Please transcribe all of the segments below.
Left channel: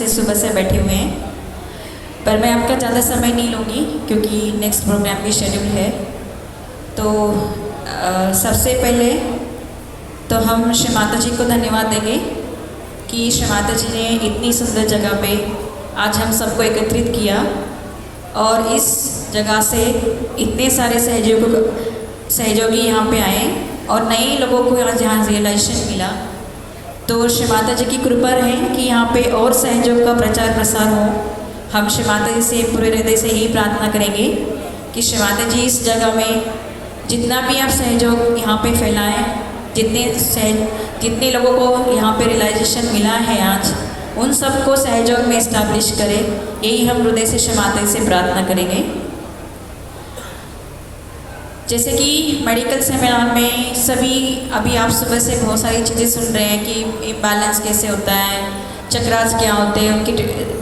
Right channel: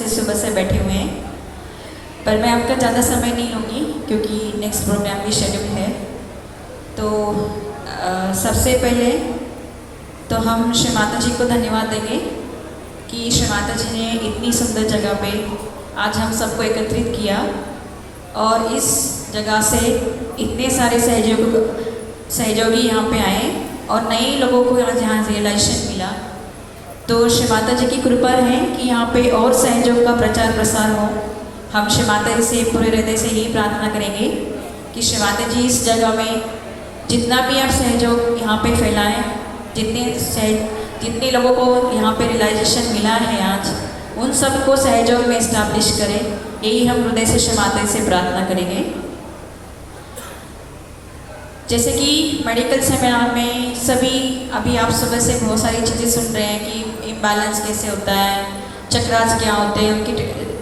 से सुबह से बैठे हुए हैं, पर मैं आपका ज़्यादा समय नहीं लूँगी क्योंकि नेक्स्ट प्रोग्राम भी शेड्यूल है। तो सबसे पहले तो हम श्री माता जी को धन्यवाद देंगे कि श्री माता जी ने इतनी सुंदर जगह पे आज हम सबको एकत्रित किया और इस जगह से इतने सारे सहयोगी यहाँ पे आए और नए लोगों को यहाँ रियलाइजेशन मिला। तो श्री माता जी की कृपा है कि यहाँ पे और सहयोग का प्रचार प्रसार हो। हम श्री माता जी से पूरे हृदय से यही प्रार्थना करेंगे कि श्री माता जी इस जगह में जितना भी आप सहयोग यहाँ पे फैलाएं, जितने लोगों को यहाँ पे रियलाइजेशन मिला है आज, उन सबको सहयोग में इस्टेब्लिश करें। यही हम हृदय से श्री माता जी से प्रार्थना करेंगे। जैसे कि मेडिकल सेमिनार में सभी अभी आप सुबह से बहुत सारी चीज़ें सुन रहे हैं कि इम्बैलेंस कैसे होता है, चक्रास क्या होते हैं, उनकी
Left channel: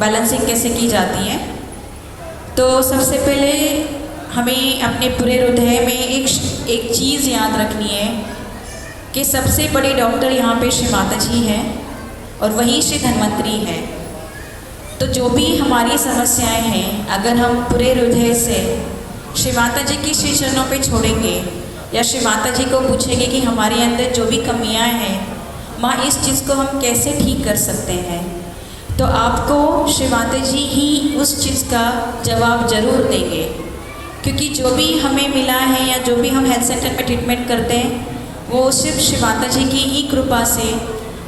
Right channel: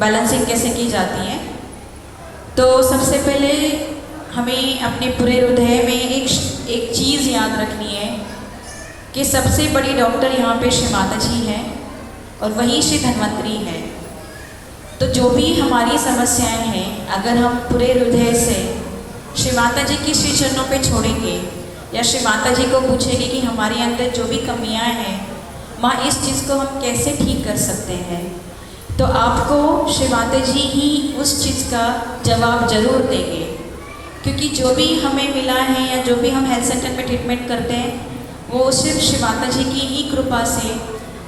बैलेंसिंग कैसे की जाती है। तो सबसे पहले हमें अपने पूरे हृदय में एक चीज़ याद रखनी है कि सबसे बड़े डॉक्टर यहाँ पे श्री माता जी हैं और वही श्री धन्वंतरी है। तो जो भी हमारी समस्याएं हैं, अगर हम पूरे हृदय से श्री माता जी की श्री चरणों पे छोड़ेंगे या श्री माता जी को पूछेंगे कि हमारे अंदर जो भी कमियां हैं, माँ इस चीज़ को हम कैसे ठीक कर सकते हैं, तो आपको श्री माता जी ही उस चीज़ का जवाब जरूर देंगे। क्योंकि जो भी हमें मिला है या जो भी हम हेल्थ सेंटर में ट्रीटमेंट करते हैं, वो सिर्फ श्री माता जी की ही कृपा से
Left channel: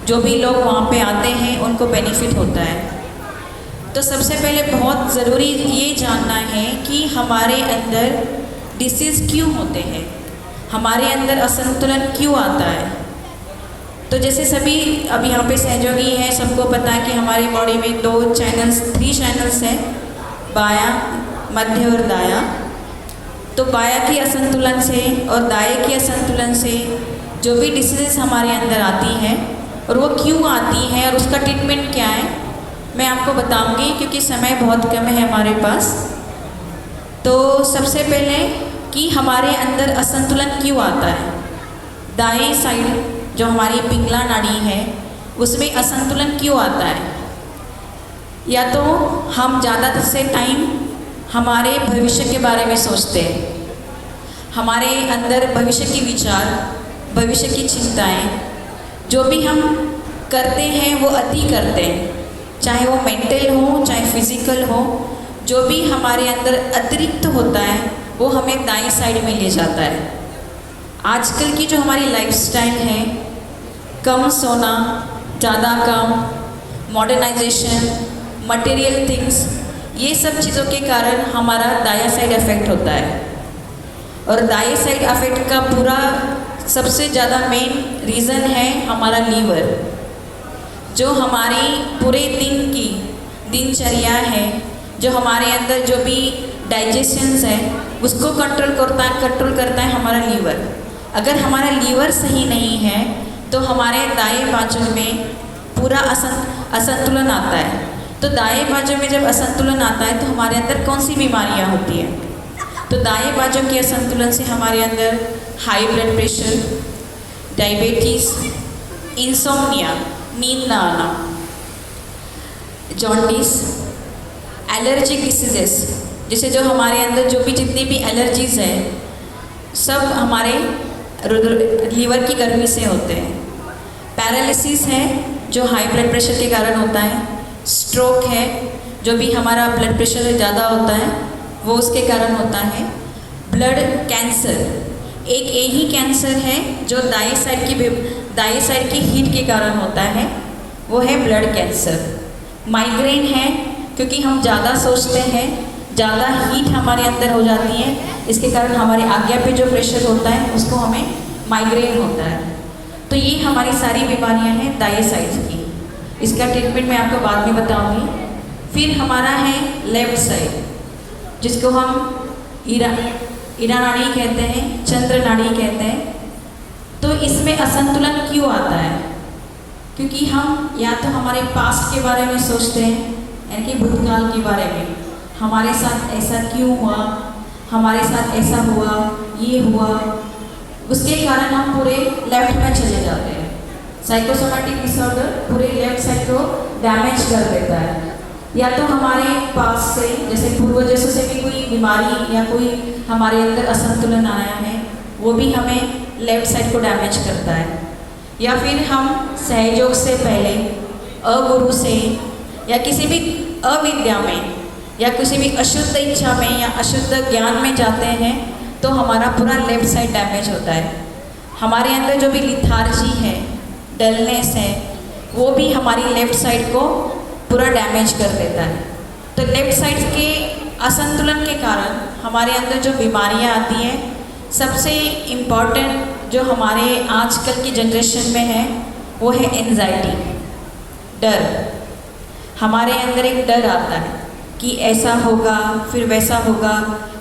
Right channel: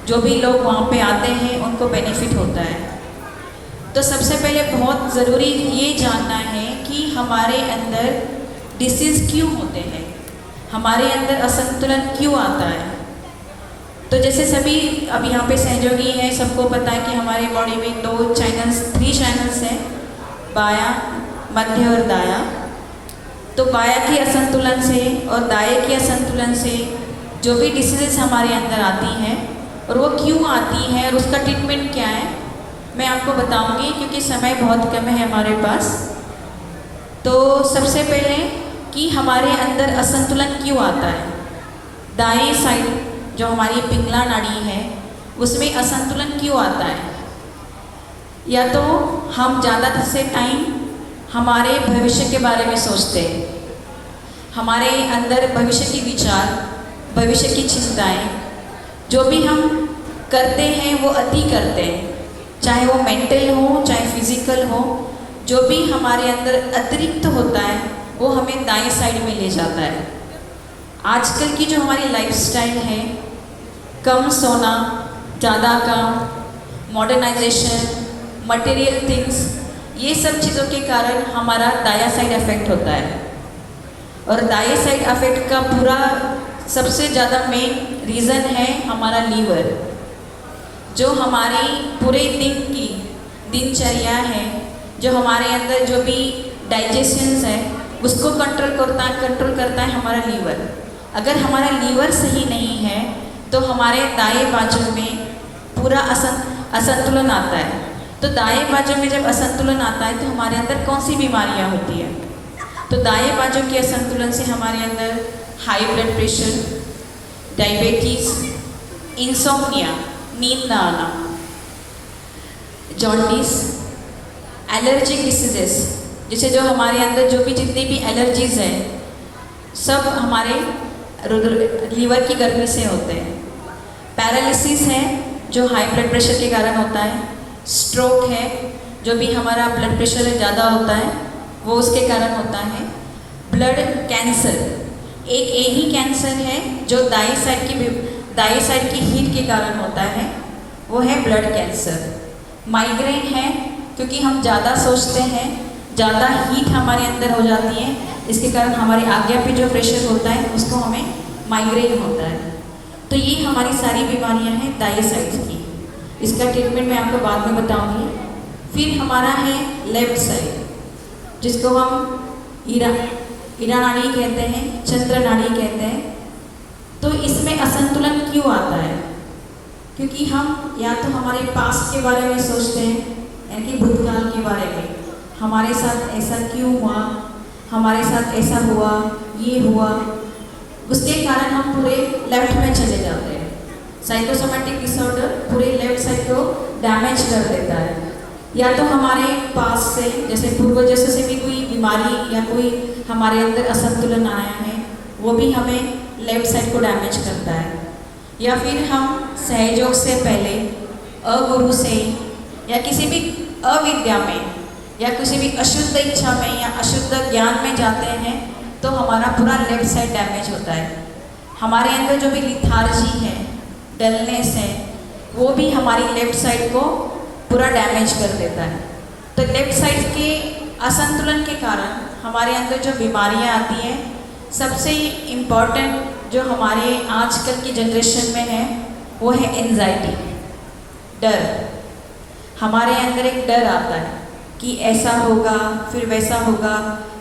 जो भी लोग वहाँ पे आते हैं उनको बेनिफिट होता है। तो सबसे पहले बहुत ज़रूरी ये जानना है कि हमारे अंदर डिसीज़ क्यों होते हैं, हमारे अंदर असंतुलन क्यों आता है। तो जैसे सभी अब यहाँ पे सहयोगी हैं, सबको पता है कि हमारे बॉडी में 3 चैनल्स हैं, बायां, मध्य और दायां। तो बायां की असंतुलन से और दाएं की असंतुलन से जो भी डिसीज़ हमारे अंदर आती हैं और वो क्यों आती हैं और उसका ट्रीटमेंट क्या है, मैं आपको बताऊंगी क्योंकि समय बहुत कम है हमारे पास। तो सबसे पहले कि हमारे अंदर असंतुलन क्यों आता है। दाएं साइड जो हमारी पिंगला नाड़ी है उसमें असंतुलन क्यों आता है। या तो हम ज़्यादा से टाइम हमारे भविष्य के बारे में सोचते हैं, हमारे अंदर भविष्य की विचार, भविष्य की चिंताएं, जो भी हम करते हैं वो अति करते हैं, चाहे वो मेंटल हो चाहे फिजिकल हो। जो भी हमारे अंदर अतिरिक्त होता है वो हमें दाएं साइड में ले जाता है। आजकल की जो हमारी लाइफस्टाइल है, कम सोना, ज़्यादा काम, मॉडर्नाइजेशन, मटेरियल थिंग्स, ये सब चीज़ों के कारण हमारा दायां साइड अफेक्ट होता है। और दाएं साइड अफेक्ट का पूरा सबसे ज़्यादा मेन रीज़न है हमारा लीवर, जो हमारी पूरे दिन की दिनचर्या है, जो हमारे अंदर जो भी डाइजेशंस है उसको कंट्रोल करता है हमारा लीवर। अगर हमारा लीवर सही नहीं है तो हमारे दाएं बाजू में पूरा असंतुलन आता है। तो दाएं बाजू में जब असंतुलन आता है तो हमारे अंदर कौन सी बीमारियां होती हैं। तो दाएं बाजू के असंतुलन से हमारे अंदर high blood pressure, diabetes, insomnia, नींद ना आना, जॉन्डिस, एलर्जिक डिसीजेस, जैसे जो हमारे अंदर जो भी जितनी भी एलर्जीज हैं सब हमारे लीवर की गर्मी से होते हैं। पैरालिसिस है जो हाई ब्लड प्रेशर के कारण होता है। स्ट्रोक है जो भी हमारा ब्लड प्रेशर ज़्यादा होता है वो उसके कारण होता है। ब्लड कैंसर एक यही कैंसर है जो दाएं साइड की हीट के कारण होता है, वो है ब्लड कैंसर। माइग्रेन है क्योंकि हम ज़्यादा सोचते हैं, ज़्यादा हीट हमारे अंदर हो जाती है, इसके कारण हमारे आज्ञा पे जो प्रेशर होता है उसको हमें माइग्रेन होता है। तो ये हमारी सारी बीमारियां हैं दाएं साइड की। इसका ट्रीटमेंट मैं आपको बाद में बताऊंगी। फिर हमारा है लेफ्ट साइड, जिसको हम ईरा नाड़ी कहते हैं, चंद्र नाड़ी कहते हैं। तो इसमें असंतुलन क्यों आता है, क्योंकि हम या तो हमारे पास्ट के बारे में सोचते हैं, यानी कि भूतकाल के बारे में, हमारे साथ ऐसा क्यों हुआ, हमारे साथ ऐसा हुआ, ये हुआ, उसके कारण हम पूरे लेफ्ट में चले जाते हैं। साइकोसोमेटिक डिसऑर्डर पूरे लेफ्ट साइड को डैमेज कर देता है। या तो हमारे पास से जैसे पूर्वजों से भी कोई बीमारी या कोई हमारे अंदर असंतुलन आया है, वो भी हमें लेफ्ट साइड को डैमेज करता है। या फिर हम सहयोग से पहले अगुरु से या किसी भी अविद्या में या किसी भी अशुद्ध इच्छा में या अशुद्ध ज्ञान में जाते हैं तो हमारा पूरा लेफ्ट साइड डैमेज होता है। हमारे अंदर जो भी लिथार्जी है, डलनेस है, वो भी हमारी लेफ्ट साइड को पूरा डैमेज कर देता है। तो लेफ्ट साइड के असंतुलन के कारण हमारे अंदर जो बीमारियां आती हैं, सबसे इम्पॉर्टेंट जो हमारे आजकल की जनरेशन में है वो है एंजाइटी, डर। हमारे अंदर एक डर आता है कि ऐसा होगा फिर वैसा होगा,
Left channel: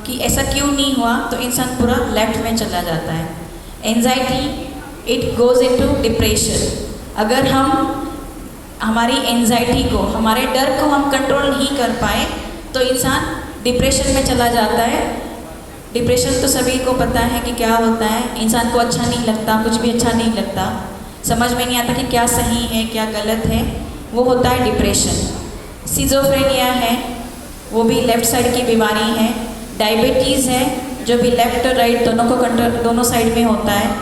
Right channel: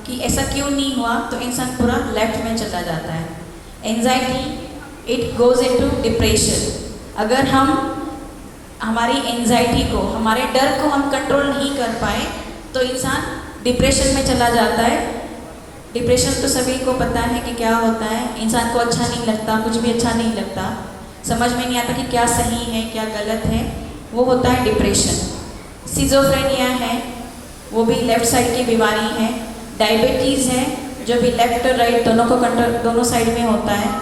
कि ऐसा क्यों नहीं हुआ, तो इंसान पूरा लेफ्ट में चला जाता है। Anxiety it goes into depression. अगर हम हमारी एंजाइटी को, हमारे डर को हम कंट्रोल नहीं कर पाए तो इंसान डिप्रेशन में चला जाता है। डिप्रेशन तो सभी को पता है कि क्या होता है, इंसान को अच्छा नहीं लगता, कुछ भी अच्छा नहीं लगता, समझ में नहीं आता कि क्या सही है क्या गलत है, वो होता है डिप्रेशन। सिजोफ्रेनिया है, वो भी लेफ्ट साइड की बीमारी है। डायबिटीज़ है, जो भी लेफ्ट और राइट दोनों को कंट्रोल, दोनों साइड में होता है।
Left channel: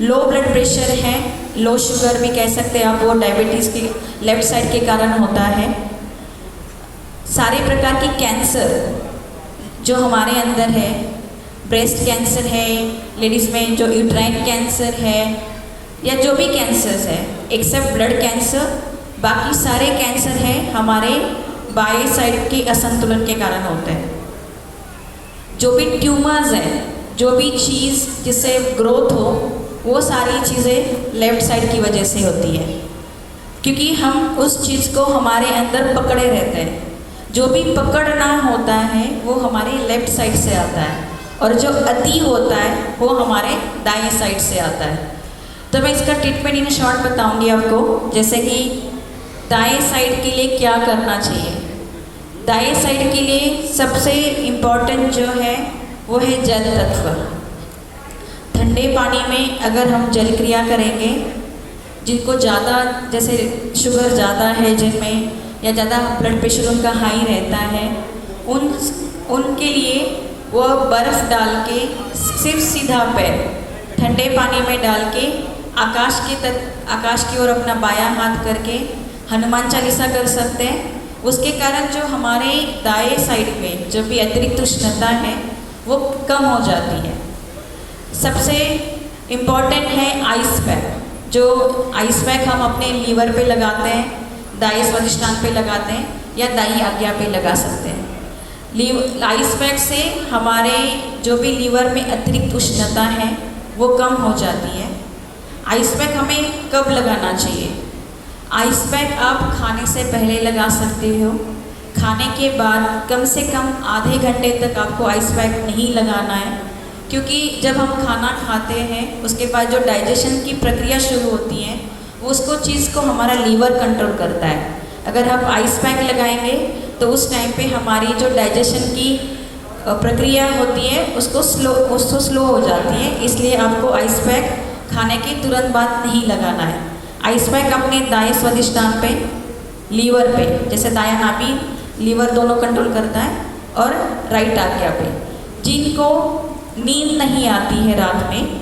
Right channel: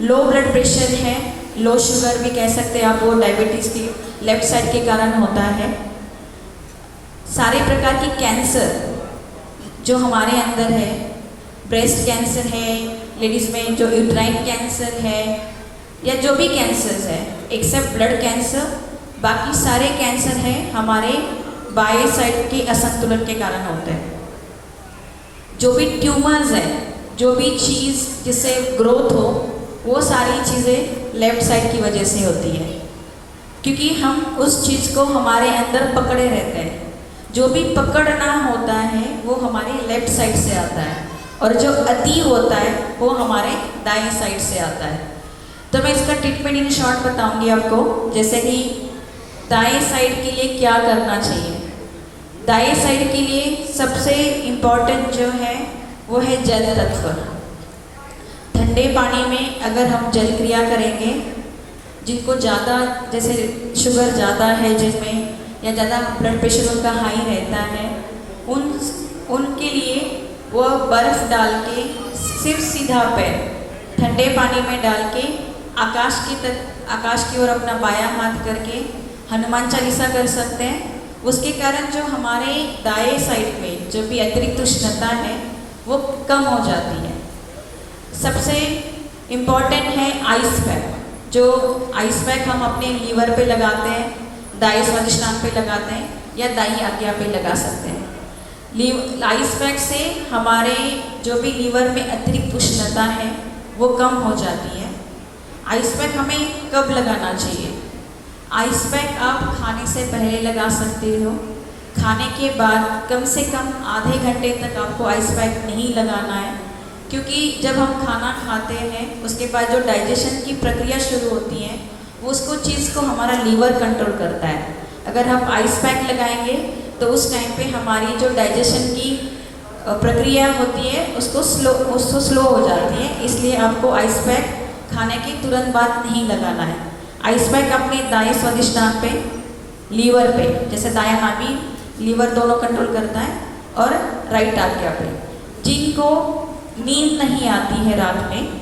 लो ब्लड प्रेशर है, लो शुगर भी कह सकते हैं आप, वो डायबिटीज़ के लेफ्ट साइड के कारण होता है। सारे प्रकार की कैंसर जो हमारे अंदर है, ब्रेस्ट कैंसर है लेडीज़ में, जो यूट्राइन कैंसर है या जो भी कैंसर्स है एक्सेप्ट ब्लड कैंसर, बाकी सारे कैंसर हैं हमारे बाएं साइड के असंतुलन के कारण होते हैं। जो भी ट्यूमर्स है, जो भी चीज़ जिससे ग्रोथ हो, वो सारी चीज़ें लेफ्ट साइड की वजह से होती है, क्योंकि हम उस चीज़ को हमारे अंदर पकड़े रहते हैं। जो भी पकड़ना होता है वो हमारे लेफ्ट साइड से आता है, और जो अति होता है वो हमारे दाएं साइड से आता है। तो मैं इसका ट्रीटमेंट इन शॉर्ट बताऊंगी आपको, जैसे कि दाएं साइड के लिए क्या करना चाहिए। दाएं साइड के लिए सबसे इम्पॉर्टेंट जो है वो है जल तत्व। ठंडे पानी में अगर हम जल क्रिया करेंगे, जिनको ज़्यादा जैसे शुगर ज़्यादा है जिनमें, या ज़्यादा ब्लड प्रेशर उनका हाई रहता है, उनके लिए वो बर्फ़ डाल के सिर्फ सीधा पैर ठंडे पानी में डाल के आकाश की ओर अपना बायां हाथ करके हनुमान चालीसा कर सकते हैं। उसके कारण जो हमारे दाएं साइड में जो भी अतिरिक्त उष्णता है वो कम हो जाती है। सबसे इम्पॉर्टेंट है आइस पैक। जो आइस पैक हम अपने लीवर पे लगाते हैं, दाएं स्वादिष्टान पे लगाते हैं या दाईं आज्ञा पे लगा सकते हैं। आइस पैक से हमारे जो भी लीवर में अतिरिक्त उष्णता है वो कम हो जाती है। आइस पैक हमें कब लगाना चाहिए? आइस पैक आप खाने से पहले लगा सकते हो। खाने के बाद कम से कम आधे घंटे तक आपको आइस पैक नहीं लगाना है, क्योंकि जब हम खाना खाते हैं उसके बाद जो डाइजेशन की प्रक्रिया शुरू होती है वो उसको चीज़ को हमारा लीवर कंट्रोल करता है। अगर हम आइस पैक लगाएंगे तो उस टाइम पे हमारी जो डाइजेशन की प्रक्रिया होती है उसको स्लो हो जाती है, इसलिए आपको आइस पैक खाने के तुरंत बाद नहीं लगाना है। आइस पैक अपने दाएं स्वादिष्टान पे, लीवर पे, जैसे दायां नाभि लीवर दोनों कंट्रोल करता है, और राइट आज्ञा पे। जिनको नींद नहीं आती है रात में,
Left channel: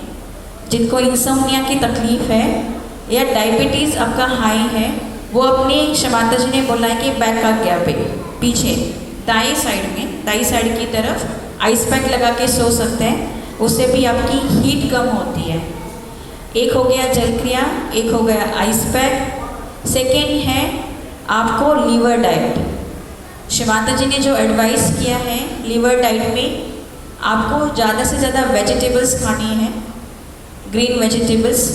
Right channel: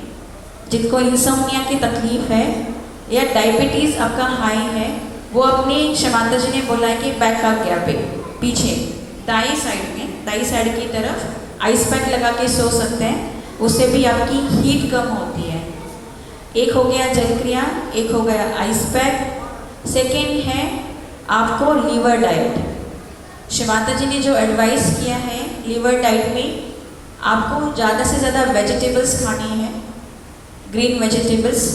जिनको इंसोम्निया की तकलीफ है या डायबिटीज़ आपका हाई है, वो अपने शमाता जी ने बोला है कि बैक आज्ञा पे पीछे दाएं साइड में, दाईं साइड की तरफ आइस पैक लगा के सो सकते हैं। उससे भी आपकी हीट कम होती है। एक हो गया जल क्रिया, एक हो गया आइस पैक। सेकेंड है आपको लीवर डाइट। शमाता जी ने जो एडवाइस किया है लीवर डाइट में, आपको ज़्यादा से ज़्यादा वेजिटेबल्स खानी है, ग्रीन वेजिटेबल्स।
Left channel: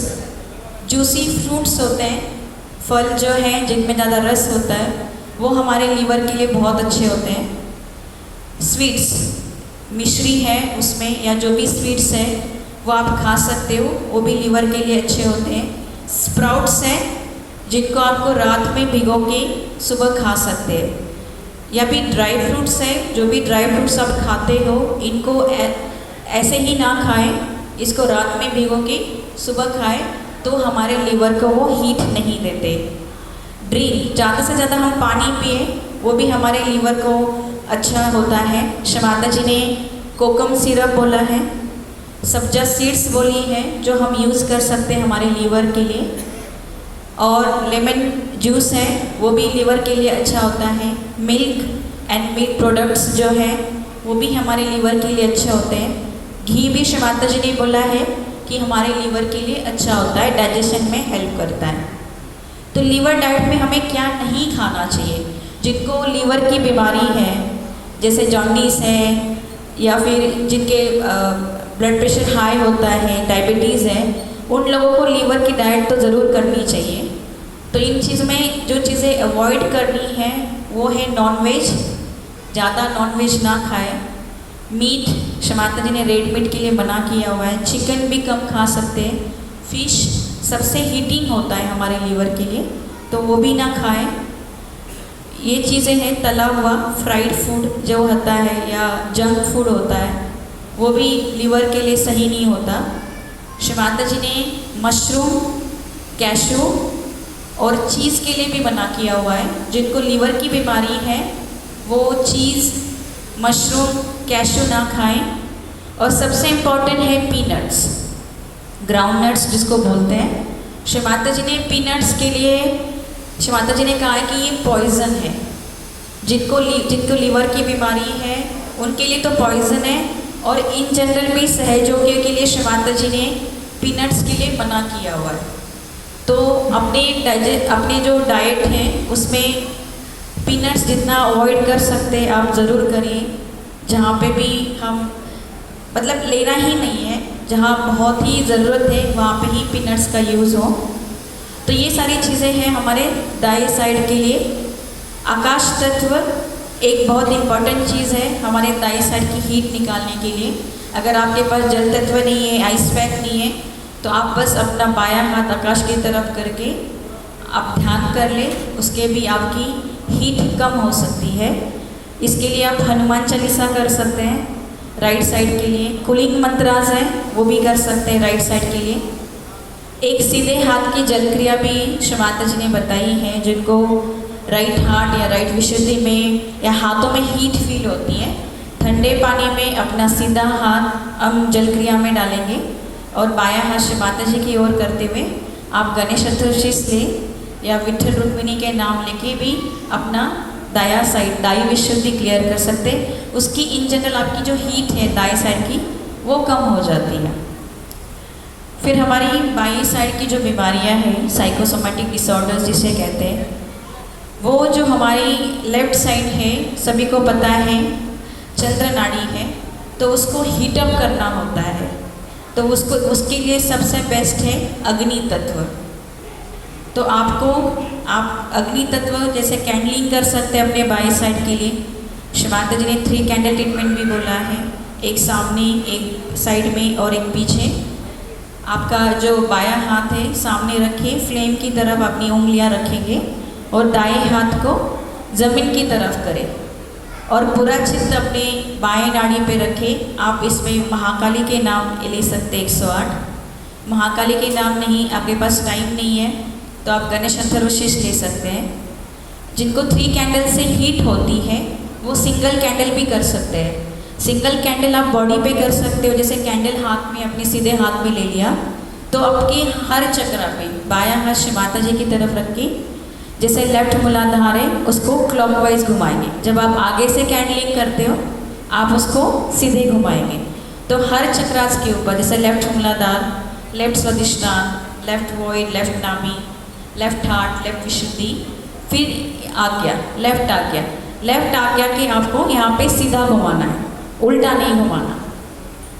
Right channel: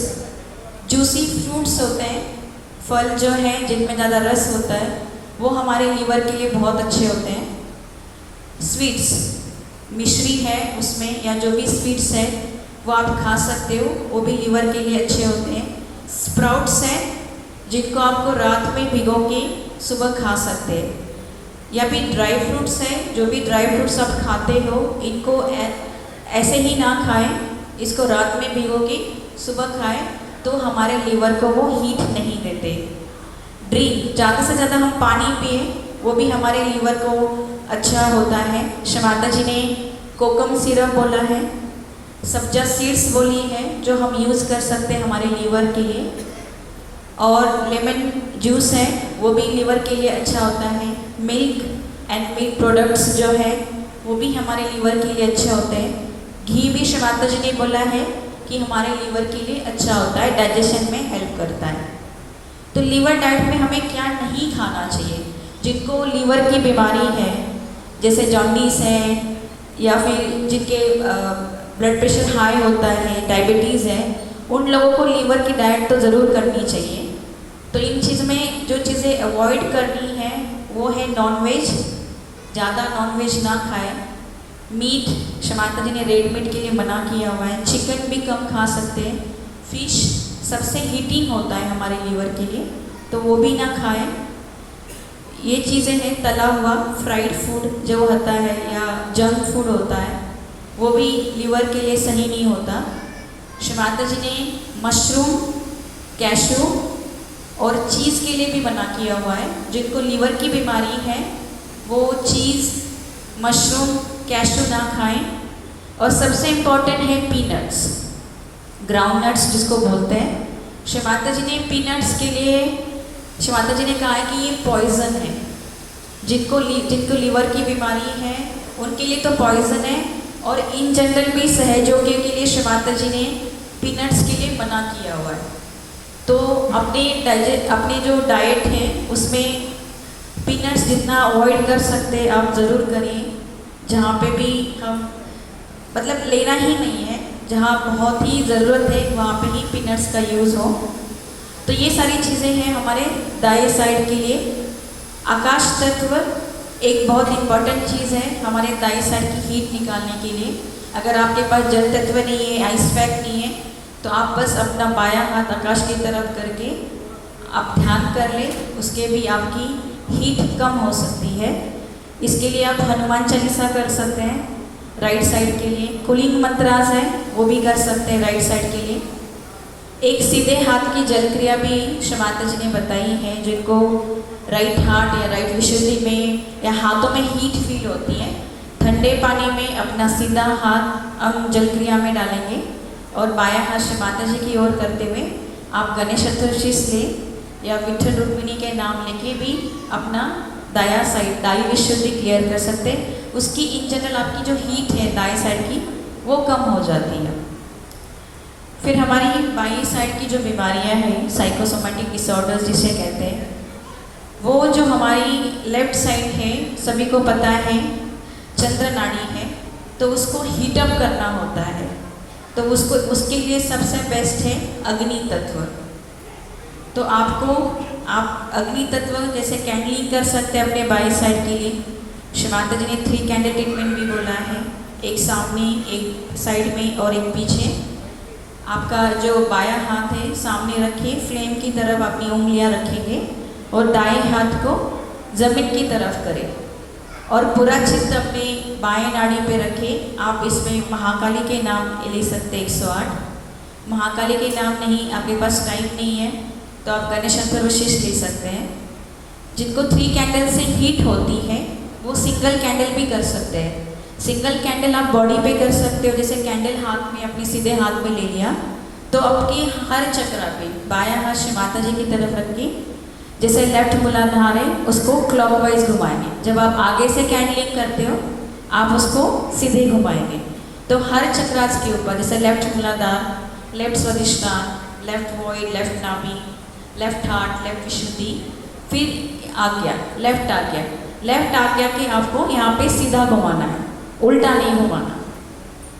जूसी फ्रूट्स होते हैं, फल जो हैं जिनमें ज़्यादा रस होता है, वो हमारे लीवर के लिए बहुत अच्छे होते हैं। स्वीट्स, मिश्री है उसमें या जो भी स्वीट्स है वो आप खा सकते हो, वो भी लीवर के लिए अच्छे होते हैं। स्प्राउट्स हैं जिनको आपको रात में भिगो के सुबह खा सकते हैं, या भी ड्राई फ्रूट्स है, जो भी ड्राई फ्रूट्स आप खाते हो इनको ऐसे ही ना खाएं, इसको रात में भिगो के सुबह खाएं। तो हमारे लीवर को वो हीट नहीं देते। ड्रिंक, ज़्यादा से ज़्यादा हम पानी पिए वो भी हमारे लीवर को अच्छा होता है। शमाता जी ने कोकम सिरप बोला है, सब्जा सीड्स बोली है जो हम यूज़ कर सकते हैं हमारे लीवर के लिए, और लेमन जूस है वो भी लीवर के लिए अच्छा होता है। मिल्क एंड मिल्क प्रोडक्ट्स जो है वो भी हमारे लीवर के लिए अच्छे होते हैं। घी भी शमाता जी ने बोला है कि हमारे लीवर के लिए अच्छा होता है, डाइजेशन में हेल्प करता है। तो लीवर डाइट में हमें क्या नहीं खाना चाहिए? जिनको लीवर की बीमारी है, जैसे जॉन्डिस है या फिर जिनके ब्लड प्रेशर हाई होता है, डायबिटीज़ है, उन लोगों को लीवर की डाइट तो ज़रूर करनी चाहिए। तो इन चीज़ में जो चीज़ें अवॉइड करनी है वो है नॉनवेज, ज़्यादा नॉनवेज ना खाएं। मीट शमाता जी ने रेड मीट के लिए मना किया हुआ है। चिकन भी कम खा सकते हैं। फिश सबसे हीटिंग होता है हमारे लीवर के लिए, तो वो भी ना खाएं। ये चीज़ें हैं तला हुआ फ्राइड फूड जो होता है या जंक फूड होता है वो भी लीवर के लिए सही नहीं होता। शमाता जी ने मशरूम, कैशू और चीज़ के लिए भी मना किया हुआ है। जिनको लीवर की बीमारी है वो चीज़, मशरूम, कैशू ना खाएं। और सबसे इम्पॉर्टेंट है पीनट्स, ग्राउंडनट्स जिसको बोलते हैं। शमाता जी ने पीनट्स के लिए, शमाता जी ने कहा है कि ये पॉइज़न है। जिनको लीवर की बीमारी है उनके लिए तो पॉइज़न है, और इन जनरल भी सहयोगियों के लिए शमाता जी ने पीनट्स के लिए मना किया हुआ है। तो अपने जो डाइट है उसमें पीनट्स जितना अवॉइड कर सकते हैं आप ज़रूर करिए। जहाँ पे भी हम मतलब लेना ही नहीं है, जहाँ बहुत ही ज़रूरत है वहाँ पे ही पीनट्स का यूज़ हो। तो ये सारी चीज़ें हैं हमारे दाएं साइड के लिए। आकाश तत्व एक बहुत इम्पॉर्टेंट चीज़ है हमारे दाएं साइड की हीट निकालने के लिए। अगर आपके पास जल तत्व नहीं है, आइस पैक नहीं है, तो आप बस अपना बायां हाथ आकाश की तरफ करके आप ध्यान कर लें, उसके भी आपकी हीट कम हो सकती है। इसके लिए आप हनुमान चालीसा कर सकते हैं राइट साइड के लिए। कूलिंग मंत्रास है वो भी कर सकते हैं राइट साइड के लिए। एक सीधे हाथ की जल क्रिया भी शमाता जी ने बताई है। जिनको राइट हार्ट या राइट विशुद्धि में या हाथों में हीट फील होती है, ठंडे पानी में अपना सीधा हाथ हम जल क्रिया में डालेंगे और बायां हाथ शमाता जी की ओर करते हुए आप गणेश चतुर्थी ले या विठल रुक्मिणी के नाम लेके भी अपना दाया साइड, दाई विशुद्धि क्लियर कर सकते। उसकी इन जनरल आपकी जो हीट है दाएं साइड की वो कम हो जाती है। फिर हमारी बाई साइड की जो बीमारियां हैं, साइकोसोमेटिक डिसऑर्डर्स जिसे कहते हैं, वो जो हमारी लेफ्ट साइड है सभी को पता है चंद्र नाड़ी है, तो उसको हीटअप करना होता है। तो उसके लिए सबसे बेस्ट है अग्नि तत्व। तो आप अग्नि तत्व जैसे कैंडलिंग कर सकते हैं अपने बाई साइड के लिए। शमाता जी ने 3 कैंडल ट्रीटमेंट भी बोला है, एक सामने, एक साइड में और एक पीछे। आपका जो बायां हाथ है सामने रखिए, फ्लेम की तरफ अपनी उंगलियां रखेंगे और दाएं हाथ को ज़मीन की तरफ करें और पूरा चित्त अपने बाएं नाड़ी पे रखें। आप इसमें महाकाली के नाम ले सकते 108। महाकाली के नाम नहीं, आपके पास टाइम नहीं है तो आप गणेश अथर्वशीष ले सकते हैं। जिनको 3 कैंडल से हीट होती है वो सिंगल कैंडल भी कर सकते हैं। सिंगल कैंडल आप बॉडी पे कर सकते हो, जैसे कैंडल हाथ में अपने सीधे हाथ में ले लिया तो आपके हर चक्रा पे बायां हाथ शमाता जी की तरफ रख के जैसे लेफ्ट मूलाधार है उसको क्लॉकवाइज घुमाएंगे। जब आप आगे से कैंडलिंग करते हो आप उसको सीधे घुमाएंगे, तो हर चक्रास के ऊपर जैसे लेफ्ट मूलाधार, left Swadhisthana, left void, left नाभि, लेफ्ट हार्ट, लेफ्ट विशुद्धि, फिर आज्ञा, लेफ्ट आज्ञा। लेफ्ट आज्ञा के आपको यहाँ पे सीधा घुमाना है, उल्टा नहीं घुमाना।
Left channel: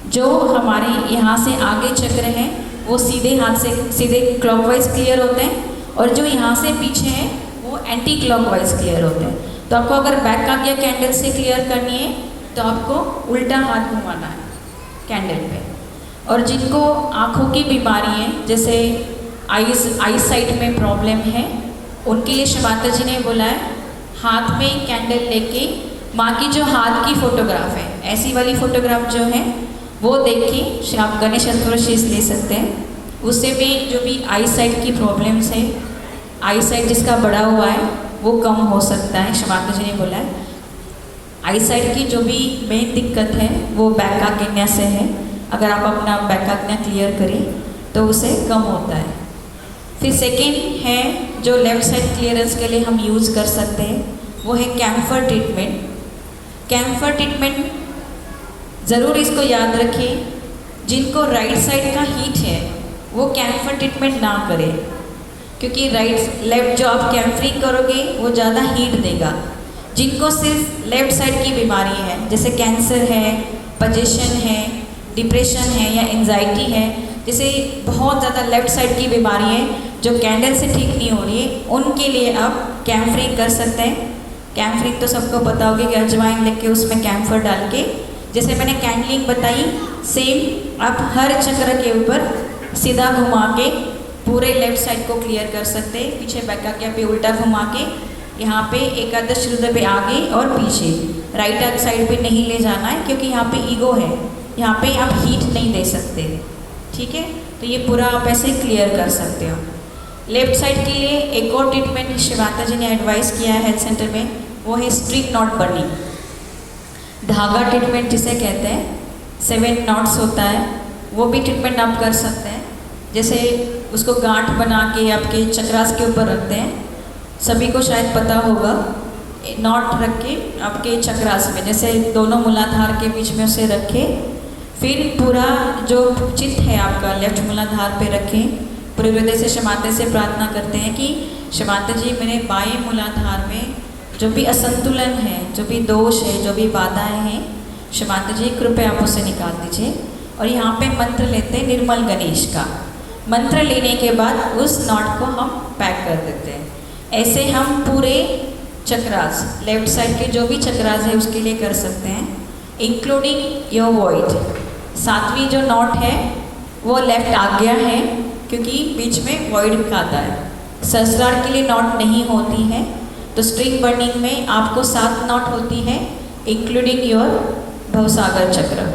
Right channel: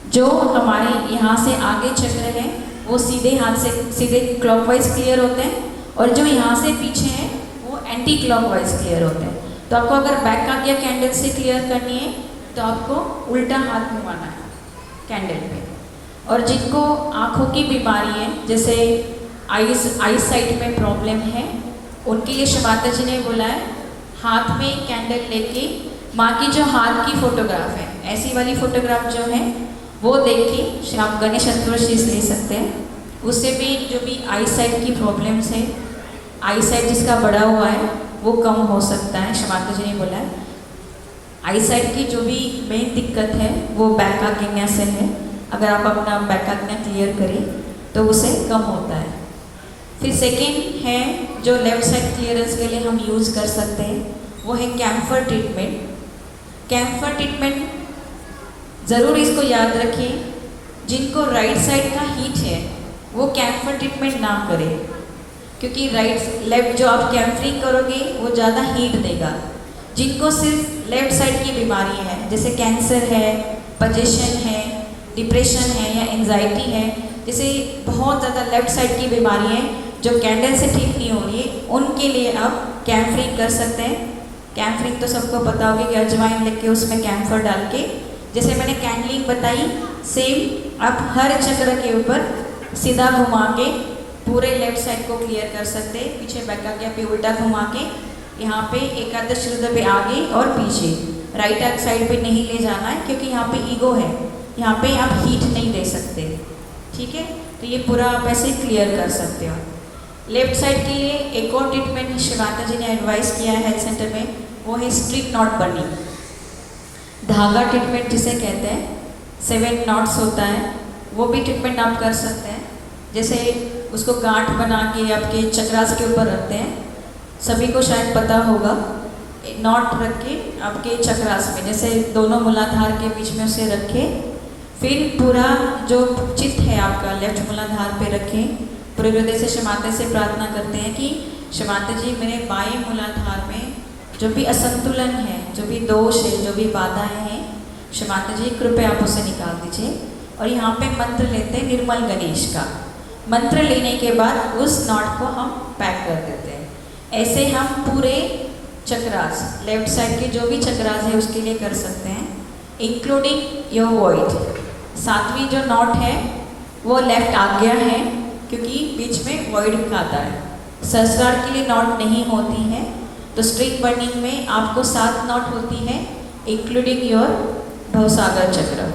जो हमारे यहाँ से आगे चक्र हैं वो सीधे हाथ से सीधे क्लॉकवाइज क्लियर होते हैं और जो यहाँ से पीछे हैं वो एंटी क्लॉकवाइज क्लियर होते हैं। तो आपको अगर बैक आज्ञा कैंडल से क्लियर करनी है तो आपको उल्टा हाथ घुमाना है कैंडल पे। और जिनको आँखों की बीमारी है, जैसे आई साइट में प्रॉब्लम है, उनके लिए शमाता जी ने बोला है हाथ में कैंडल लेके माँ की जो हाथ की फोटोग्राफ है, ऐसी वाली फोटोग्राफ जो है वो देख के आप गणेश चतुर्थी ले सकते हैं। उससे भी जो भी आई साइट की प्रॉब्लम्स है, आई साइट जिसका बढ़ा हुआ है वो कम हो सकता है। शमाता जी ने बोला है आई साइट की जो भी मेन दिक्कत है वो बैक आग्नेय से है। अगर आप अपना बैक आग्नेय क्लियर करें तो उसे कम होता है। फिर सेकेंड है जो लेफ्ट साइड क्लियरेंस के लिए हम यूज़ कर सकते हैं, वो है कैम्फर ट्रीटमेंट। कैम्फर ट्रीटमेंट ज़रूर इसको याद रखिए, जिनको राइट साइड का हीट है वो कैम्फर ट्रीटमेंट ना करें, क्योंकि राइट लेफ्ट जो आप कैम्फरिंग करोगे वो ज़्यादा हीट देगा। जिनको सिर्फ लेफ्ट साइड की बीमारी है, जैसे कैंसर है, पजेशन है, डिप्रेशन है या एंजाइटी है, जैसे बहुत ज़्यादा लेफ्ट साइड की बीमारी है जो कैंडल से ठीक नहीं हो रही है, उनके लिए आप कैम्फरिंग कर सकते हैं। कैम्फरिंग तो सबको पता होगा कि अजवाइन लेके उसमें कैम्फर डाल के, जैसे मैंने कैंडलिंग बताई सेम आप हर चक्र के ऊपर सीधा घुमा के पूरे लेफ्ट साइड को क्लियर कर सकते हैं। पीछे बैक आज्ञा पे उल्टा घुमा के यहाँ पे एकादश रुद्र पे आगे और पीछे, राइट साइड पे नहीं ले जाना है क्योंकि यहाँ पे ईगो है, यहाँ पे आप हीट नहीं दे सकते। ठीक है, तो ये पूरा आप ऐसे क्लियर कर सकते हो। लेफ्ट साइड के लिए एक और ट्रीटमेंट शिवाता जी ने एडवाइस किया है हेल्थ सेंटर में, वो है स्ट्रिक नॉट बर्निंग। धागा ट्रीटमेंट जिसे कहते हैं, 7 नॉट्स होता है, वो भी ट्रीटमेंट आप कर सकते हैं। जैसे उसको गांठ बना के आपके चक्रास के ऊपर रखते हैं, सभी को शायद पता होगा। नॉट रख के आपके चक्रास में, जैसे दोनों मूलाधार के बीच में उसे रखें, फिर पूरा जो चित्त है आपका लेफ्ट मूलाधार पे रखें। पूरे हृदय से शमाते से प्रार्थना करते हैं कि शमाते जी मेरे बाएं मूलाधार में जो भी असंतुलन है, जो भी दोष है, जो भी बाधाएं हैं, शमाते जी कृपया आप उसे निकाल दीजिए। और यहाँ पे मंत्र लेते हैं निर्मल गणेश का। मंत्र लेने के बाद उस नॉट को हम पैक कर देते हैं। ऐसे हम पूरे चक्रास, लेफ्ट साइड के जो भी चक्रास है उसके लिए कर सकते हैं, इंक्लूडिंग योर वॉइड। 7वीं जो नॉट है वो लेफ्ट आज्ञा है, क्योंकि बीच में वॉइड आता है। सहस्रार के लिए नॉट नहीं होती है, तो स्ट्रिंग बर्निंग में आपको 7 नॉट होती है, इंक्लूडिंग योर भवसागर चक्र।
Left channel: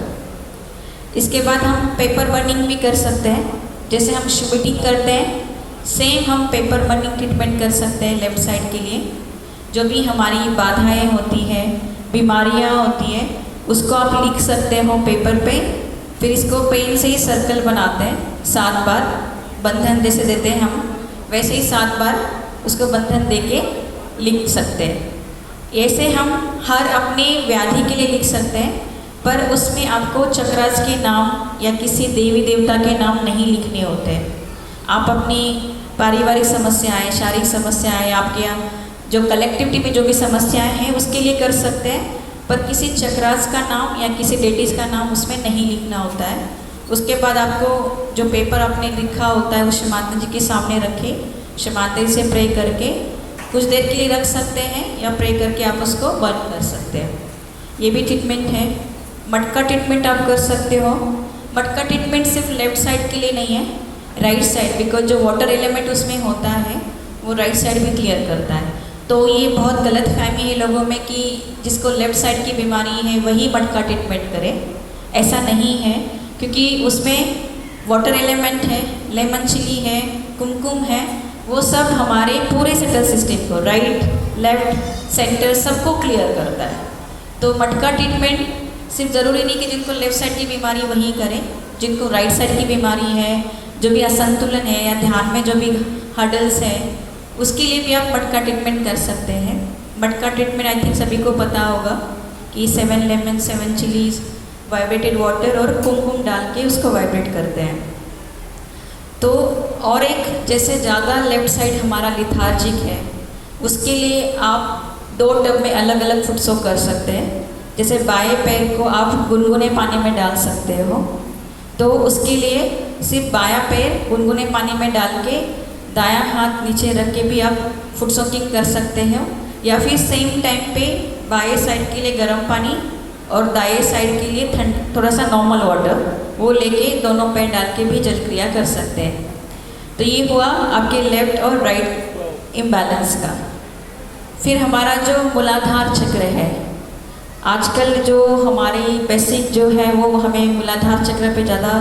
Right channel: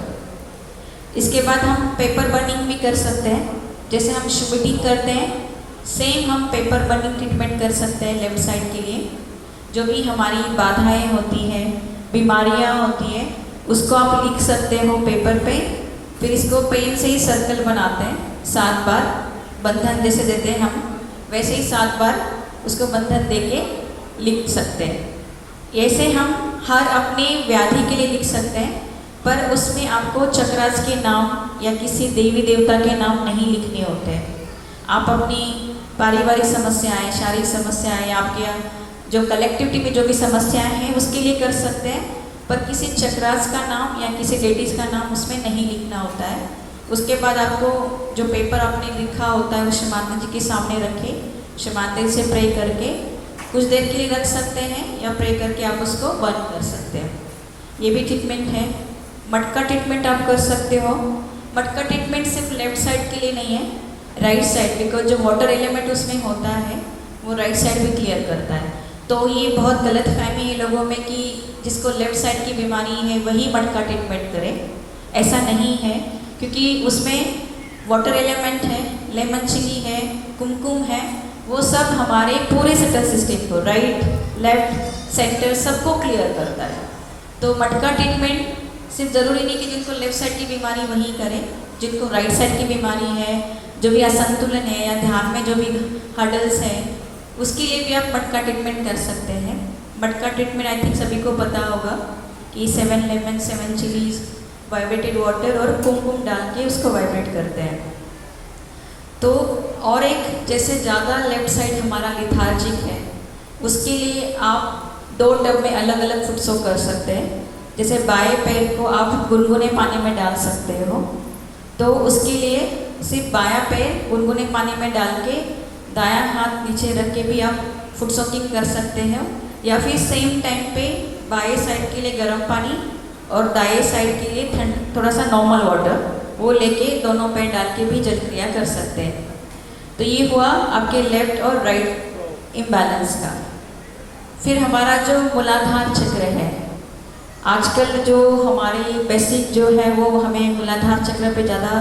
इसके बाद हम पेपर बर्निंग भी कर सकते हैं, जैसे हम शुभिटिंग करते हैं, सेम हम पेपर बर्निंग ट्रीटमेंट कर सकते हैं लेफ्ट साइड के लिए। जो भी हमारी बाधाएं होती हैं, बीमारियां होती हैं, उसको आप लिख सकते हो पेपर पे, फिर इसको पेन से ही सर्कल बनाते हैं 7 बार, बंधन जैसे देते हैं हम, वैसे ही 7 बार उसको बंधन देके लिख सकते हैं। ऐसे हम हर अपने व्याधि के लिए लिख सकते हैं, पर उसमें आपको चक्रास के नाम या किसी देवी देवता के नाम नहीं लिखने होते हैं। आप अपनी पारिवारिक समस्याएं, शारीरिक समस्याएं, आपके जो कलेक्टिविटी में जो भी समस्याएं हैं उसके लिए कर सकते हैं, पर किसी चक्रास का नाम या किसी लेडीज़ का नाम उसमें नहीं लिखना होता है। उसके बाद आपको जो पेपर आपने लिखा होता है वो शमाता जी के सामने रखें, शमाता जी से प्रे करके कुछ देर के लिए रख सकते हैं या प्रे करके आप उसको बंद कर सकते हैं। ये भी ट्रीटमेंट है। मटका ट्रीटमेंट आप कर सकते हो। मटका ट्रीटमेंट सिर्फ लेफ्ट साइड के लिए नहीं है, राइट साइड, बिकॉज जो वाटर एलिमेंट उसमें होता है वो राइट साइड भी क्लियर करता है। तो ये बहुत गलत फहमी है लोगों में कि जिसको लेफ्ट साइड की बीमारी है वही मटका ट्रीटमेंट करे। ऐसा नहीं है, क्योंकि उसमें वाटर एलिमेंट है, लेमन चिली है, कुमकुम है, वो सब हमारे पूरे सेटल सिस्टम को, राइट, लेफ्ट, सेंटर, सबको क्लियर करता है। तो मटका ट्रीटमेंट सिर्फ ज़रूरी नहीं कि जिनको लेफ्ट साइड की बीमारी वही करें, जिनको राइट साइड की बीमारी है, जो भी असंतुलन है या ध्यान में जो भी हर्डल्स है, उसके लिए भी आप मटका ट्रीटमेंट कर सकते हैं। मटका ट्रीटमेंट आई थिंक सभी को पता होगा कि 7 लेमन, 7 चिलीज, वाइब्रेटेड वाटर और कुमकुम डाल के उसको वाइब्रेट करते हैं। तो और एक, जैसे ज़्यादा लेफ्ट साइड हमारा लिथार्जिक है, उसके लिए आप 2 टब में अलग अलग फुट सोक कर सकते हैं। जैसे बाएं पैर को आप गुनगुने पानी में डाल सकते हो, तो उसके लिए सिर्फ बायां पैर गुनगुने पानी में डाल के दायां हाथ नीचे रख के भी आप फुट सोकिंग कर सकते हो, या फिर सेम टाइम पे बाएं साइड के लिए गर्म पानी और दाएं साइड के लिए थोड़ा सा नॉर्मल वाटर वो लेके दोनों पैर डाल के भी जल क्रिया कर सकते हैं। तो ये हुआ आपके लेफ्ट और राइट इम्बैलेंस का। फिर हमारा जो मूलाधार चक्र है, आजकल जो हमारी बेसिक जो है वो हमें मूलाधार चक्र पे ज़्यादा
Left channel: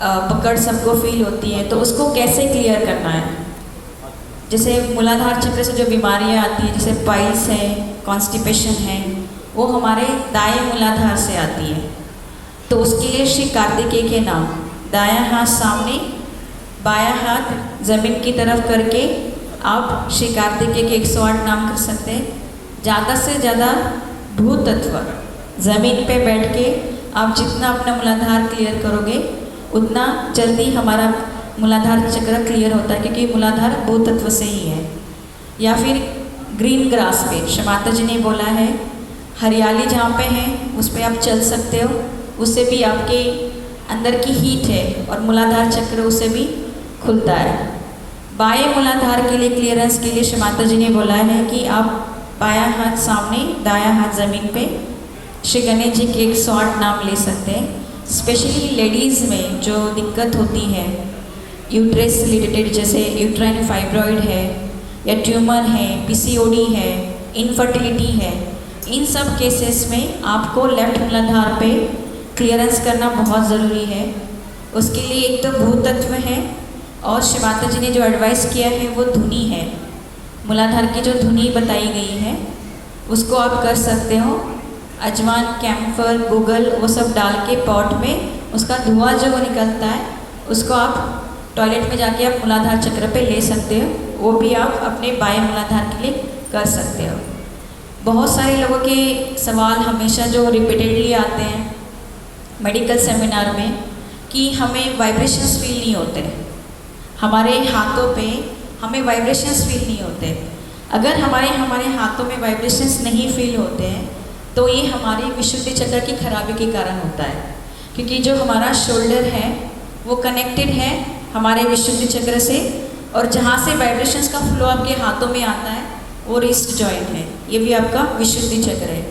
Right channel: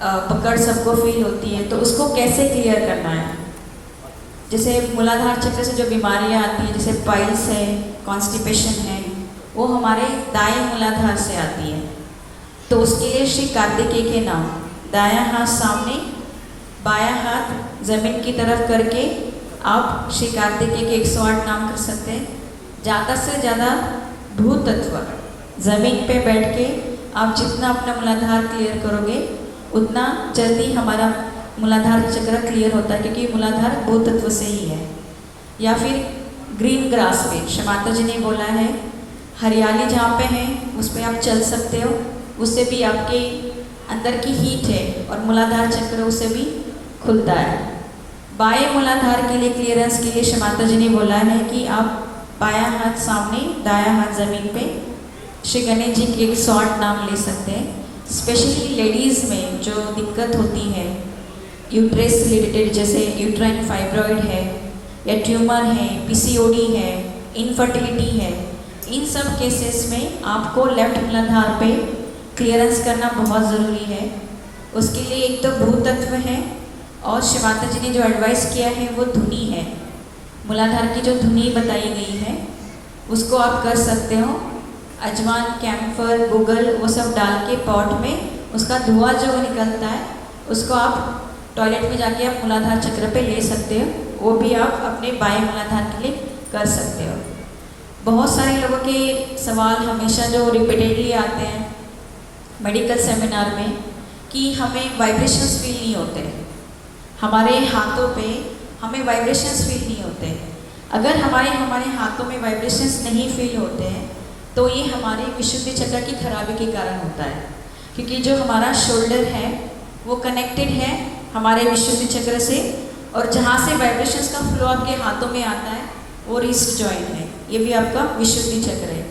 पकड़ सबको फील होती है, तो उसको कैसे क्लियर करना है। जैसे मूलाधार चक्र से जो बीमारियां आती हैं, जैसे पाइल्स है, कॉन्स्टिपेशन है, वो हमारे दाएं मूलाधार से आती है। तो उसके लिए श्री कार्तिकेय के नाम, दायां हाथ सामने, बायां हाथ जमीन की तरफ करके आप श्री कार्तिकेय के 108 नाम कर सकते हैं। ज़्यादा से ज़्यादा भूत तत्व जमीन पे बैठ के आप जितना अपना मूलाधार क्लियर करोगे उतना जल्दी हमारा मूलाधार चक्र क्लियर होता है, क्योंकि मूलाधार भूत तत्व से ही है। या फिर ग्रीन ग्रास पे, शमाता जी ने बोला है, हरियाली जहाँ पे है उस पर आप चल सकते हो, उससे भी आपके अंदर की हीट है और मूलाधार चक्र उससे भी खुलता है। बाएं मूलाधार के लिए क्लियरेंस के लिए शमाता जी ने बोला है कि आप बायां हाथ सामने, दायां हाथ जमीन पे श्री गणेश जी के 108 नाम ले सकते हैं। स्पेशली लेडीज़ में जो दिक्कत होती है यूट्रस रिलेटेड, जैसे यूट्राइन फाइब्रॉइड है या ट्यूमर है, पीसीओडी है, इनफर्टिलिटी है, इन सब केसेस में आपको लेफ्ट मूलाधार पे क्लियरेंस करना बहुत ज़रूरी है। उसके लिए एक तो भूत तत्व है और शिवाता जी ने जो एडवाइस किया है वो धुनी है। मूलाधार की जो धुनी बताई गई है उसको आप कर सकते हो। अजवान, कैम्फर, गूगल वो सब डाल के पॉट में उसका धुआं जो निकलता है उसको आप टॉयलेट में जाके आप मूलाधार चक्र पे ले सकते हो। वो भी आप अपने बाएं मूलाधार के लिए कर सकते हो। बहुत सारे लोगों के सवाल हमेशा जो रिपीटेडली आते हैं मेडिकल सेमिनार में कि हमें वाइब्रेशंस फील नहीं होते, हमारे हाथों पे हमें वाइब्रेशंस फील नहीं होते। अगर हमारे हाथों में वाइब्रेशंस नहीं फील होते हैं तो ये हमारी विशुद्धि चक्र की खराबी के कारण होता है, क्योंकि जो हमारा शोल्डर है वो कनेक्टेड है हमारे विशुद्धि चक्र से, और जहाँ से वाइब्रेशंस का फ्लो आपके हाथों में आता है वो रिस्ट जॉइंट है, ये भी आपका विशुद्धि चक्र है।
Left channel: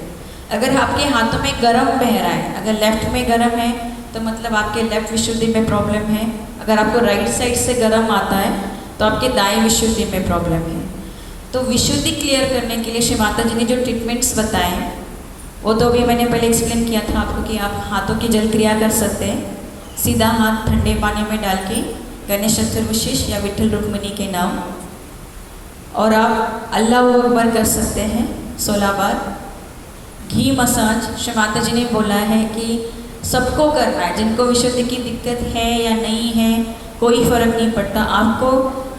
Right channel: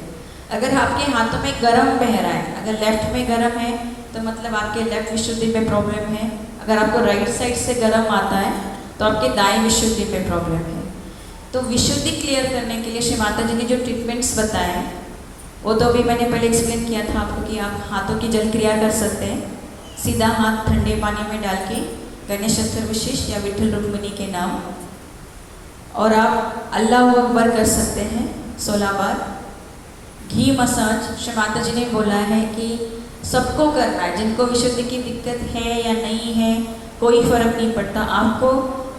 अगर आपके हाथों में गर्म बह रहा है, अगर लेफ्ट में गर्म है तो मतलब आपके लेफ्ट विशुद्धि में प्रॉब्लम है। अगर आपको राइट साइड से गर्म आता है तो आपके दाएं विशुद्धि में प्रॉब्लम है। तो विशुद्धि क्लियर करने के लिए श्री माता जी ने जो ट्रीटमेंट्स बताए हैं वो तो अभी मैंने पहले एक्सप्लेन किया था आपको कि आप हाथों की जल क्रिया कर सकते हैं। सीधा हाथ ठंडे पानी में डाल के गणेश चतुर्विशीष या विठल रुक्मिणी के नाम, और आप अल्लाह अकबर कर सकते हैं 16 बार। घी मसाज श्री माता जी ने बोला है कि सबको करना है, जिनको विशुद्धि की दिक्कत है या नहीं है कोई फर्क नहीं पड़ता, आपको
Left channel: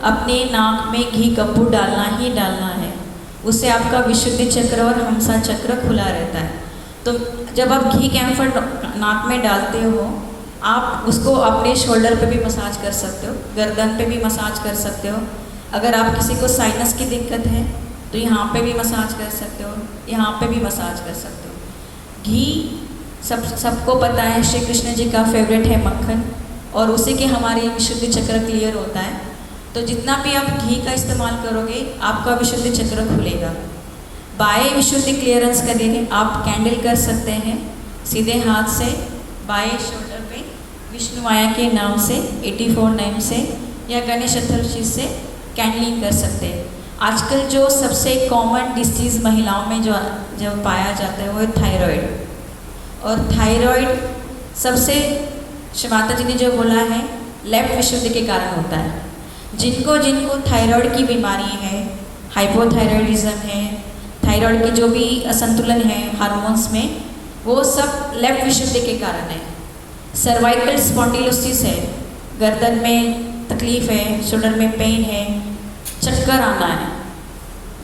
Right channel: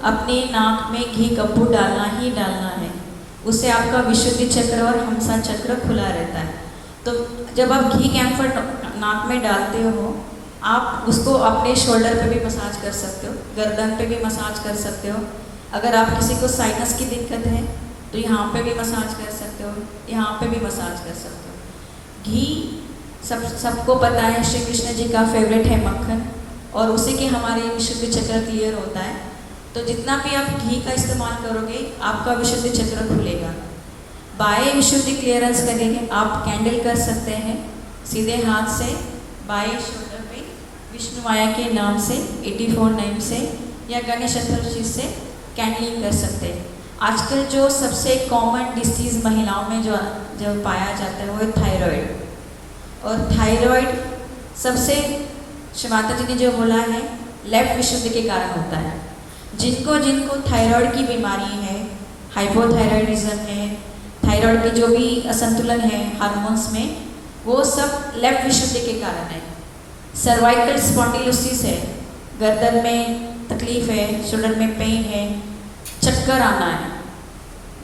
अपने नाक में घी कपूर डालना ही डालना है। उससे आपका विशुद्धि चक्र और हंसा चक्र खुला रहता है। तो जब आप घी कैम्फर नाक में डालते हो आप उसको अपने शोल्डर पे भी मसाज कर सकते हो, गर्दन पे भी मसाज कर सकते हो। अगर आप किसी को साइनस की दिक्कत है तो यहाँ पे भी मसाज कर सकते हो, यहाँ पे भी मसाज कर सकते हो। घी सबको पता है श्री कृष्ण जी का फेवरेट है मक्खन, और उसी के हमारे विशुद्धि चक्र क्लियर होता है। तो जितना भी आप घी का इस्तेमाल करोगे आपका विशुद्धि चक्र खुलेगा। बाएं विशुद्धि क्लियरेंस के लिए आप कैंडल कर सकते हैं सीधे हाथ से बाएं शोल्डर पे विष्णु माया के नाम से 84 नाम से, या गणेश चतुर्थी से कैंडलिंग कर सकते हैं। आजकल जो सबसे कॉमन डिसीज़ महिलाओं में जो पाया जाता है वो है थायराइड, और थायराइड सबसे श्री माता जी ने जो बोला है लेफ्ट विशुद्धि के कारण होता है। जिनको थायराइड की बीमारी है, हाइपोथायराइडिज्म है, थायराइड की जो भी असंतुलन है हार्मोन्स में, वो सब लेफ्ट विशुद्धि के कारण है। सर्वाइकल स्पॉन्डिलोसिस है, गर्दन में तकलीफ है, शोल्डर में पेन है, चक्कर आना है,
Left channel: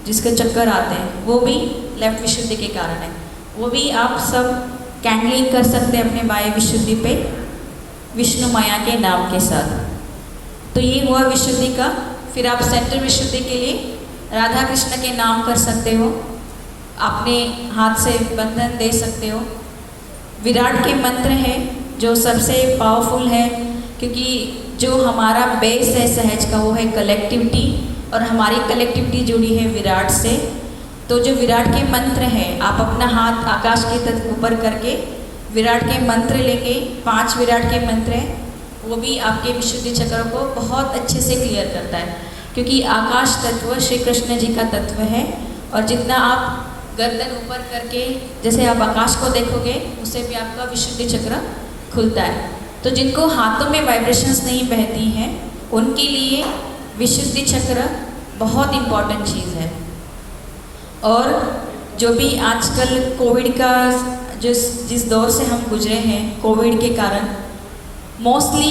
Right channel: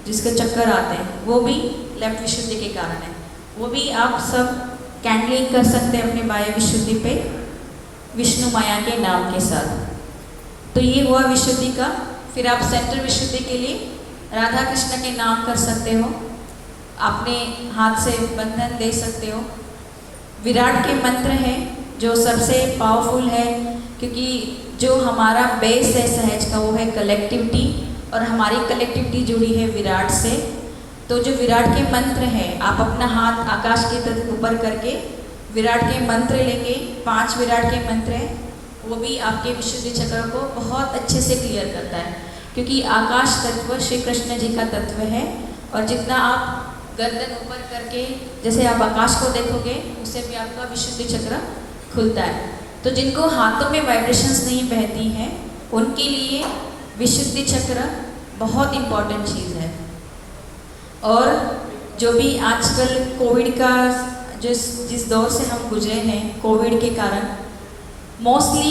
जिसके चक्कर आते हैं वो भी लेफ्ट विशुद्धि के कारण है। वो भी आप सब कैंडलिंग कर सकते हैं अपने बाएं विशुद्धि पे विष्णु माया के नाम के साथ। तो ये हुआ विशुद्धि का। फिर आप सेंट्रल विशुद्धि के लिए राधा कृष्ण के नाम कर सकते हो, अपने हाथ से बंधन दे सकते हो। विराट के मंत्र है जो सबसे पावरफुल है, क्योंकि जो हमारा बेस है सहज का वो है कलेक्टिविटी, और हमारी कलेक्टिविटी जुड़ी है विराट से। तो जो विराट के मंत्र हैं, आप अपना हाथ आकाश की तरफ ऊपर करके विराट के मंत्र लेंगे, 5 विराट के मंत्र हैं, वो भी आपके विशुद्धि चक्र को बहुत अच्छे से क्लियर करता है, क्योंकि आकाश तत्व श्री कृष्ण जी का तत्व है। और जितना आप गर्दन ऊपर करके जैसे आप आकाश को देखोगे उससे भी आपका विशुद्धि चक्र खुलता है। तो जिनको हाथों में वाइब्रेशंस नहीं बहती हैं उनके लिए विशुद्धि चक्र बहुत इम्पॉर्टेंट चीज़ है। और जो भी आजकल कोविड का जिस दौर से हम गुजरे हैं, कोविड के कारण मोस्टली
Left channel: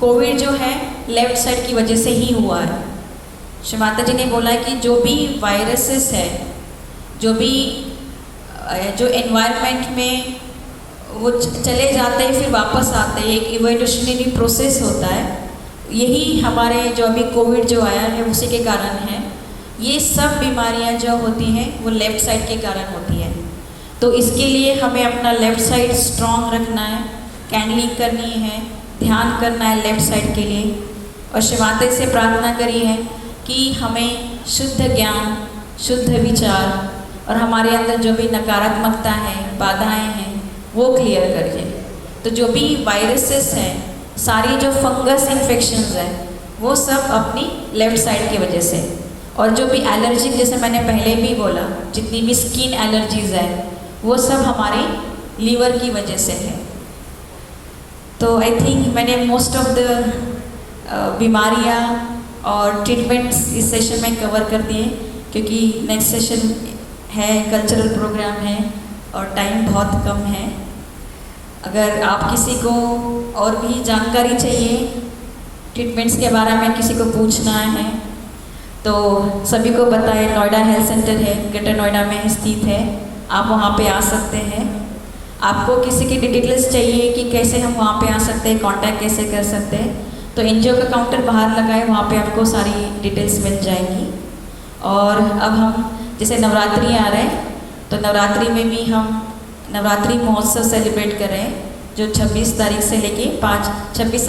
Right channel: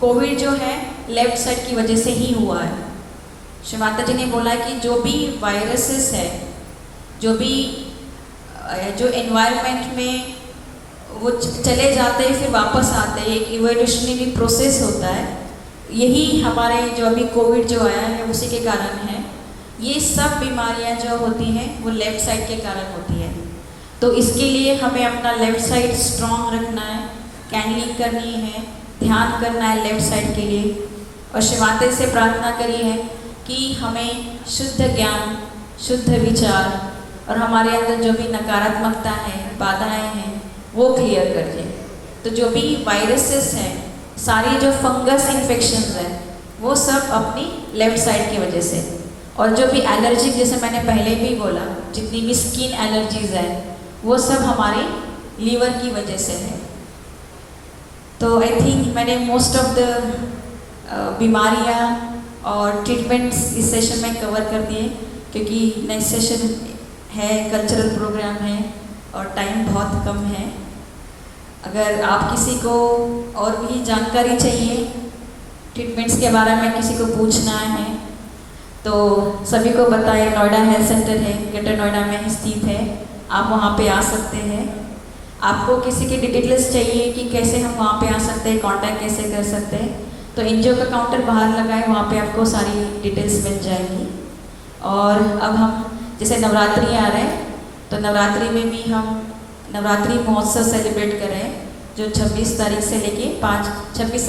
कोविड जो है लेफ्ट साइड की वजह से ही हुआ है। श्री माता जी ने बोला कि जो भी वायरसेस है, जो भी जो एनवायरनमेंट में वो चले जाते हैं फिर वापस आते हैं, एक इवोल्यूशनरी प्रोसेस होता है। यही हमारे जो अभी कोविड जो आया है उसी के कारण है। ये सब बीमारियां जो होती हैं वो लेफ़्ट साइड के कारण होती हैं। तो इसके लिए हमें अपना लेफ़्ट साइड स्ट्रॉन्ग रखना है, कैंडलिंग करनी है, ध्यान करना है लेफ़्ट साइड के लिए। और शिव माता से प्रार्थना करी है कि हमें शुद्ध ज्ञान, शुद्ध विचार और हमारे अंदर जो भी नकारात्मकता है, बाधाएं हैं, वो क्लियर कर दे। तो जो भी वायरसेस हैं, सारी जो फंगस इन्फेक्शंस हैं, वो सब अपनी लेफ़्ट साइड की वजह से। और जो भी एलर्जी, जैसे मैंने पहले भी बोला, जितनी भी स्किन एलर्जीज है वो सब हमारे लीवर की वजह से है। तो आई थिंक मैंने मोस्ट ऑफ द बीमारियाँ और ट्रीटमेंट्स इस सेशन में कवर कर दिए, क्योंकि नेक्स्ट सेशन है, कल्चरल प्रोग्राम है और टाइम बहुत कम है। अगर आप किसी को और भी जानकारी चाहिए ट्रीटमेंट्स के बारे में, किसी को पूछना है तो सभी को बताएं। नोएडा हेल्थ सेंटर है, ग्रेटर नोएडा में स्थित है, आप वहाँ पे आ सकते हैं। आपको किसी की डिटेल्स चाहिए कि कैसे हम वहाँ पे आ सकते हैं, कांटेक्ट कैसे कर सकते हैं, तो एनजीओ का काउंटर बाहर लगाए, वहाँ पे आपको सारी डिटेल्स मिल जाएंगी। और अब हम जैसे नवरात्रि आ रहे हैं, तो नवरात्रि में भी हम नवरात्रि महोत्सव सेलिब्रेट कर रहे हैं, जो 26 तारीख से लेके 26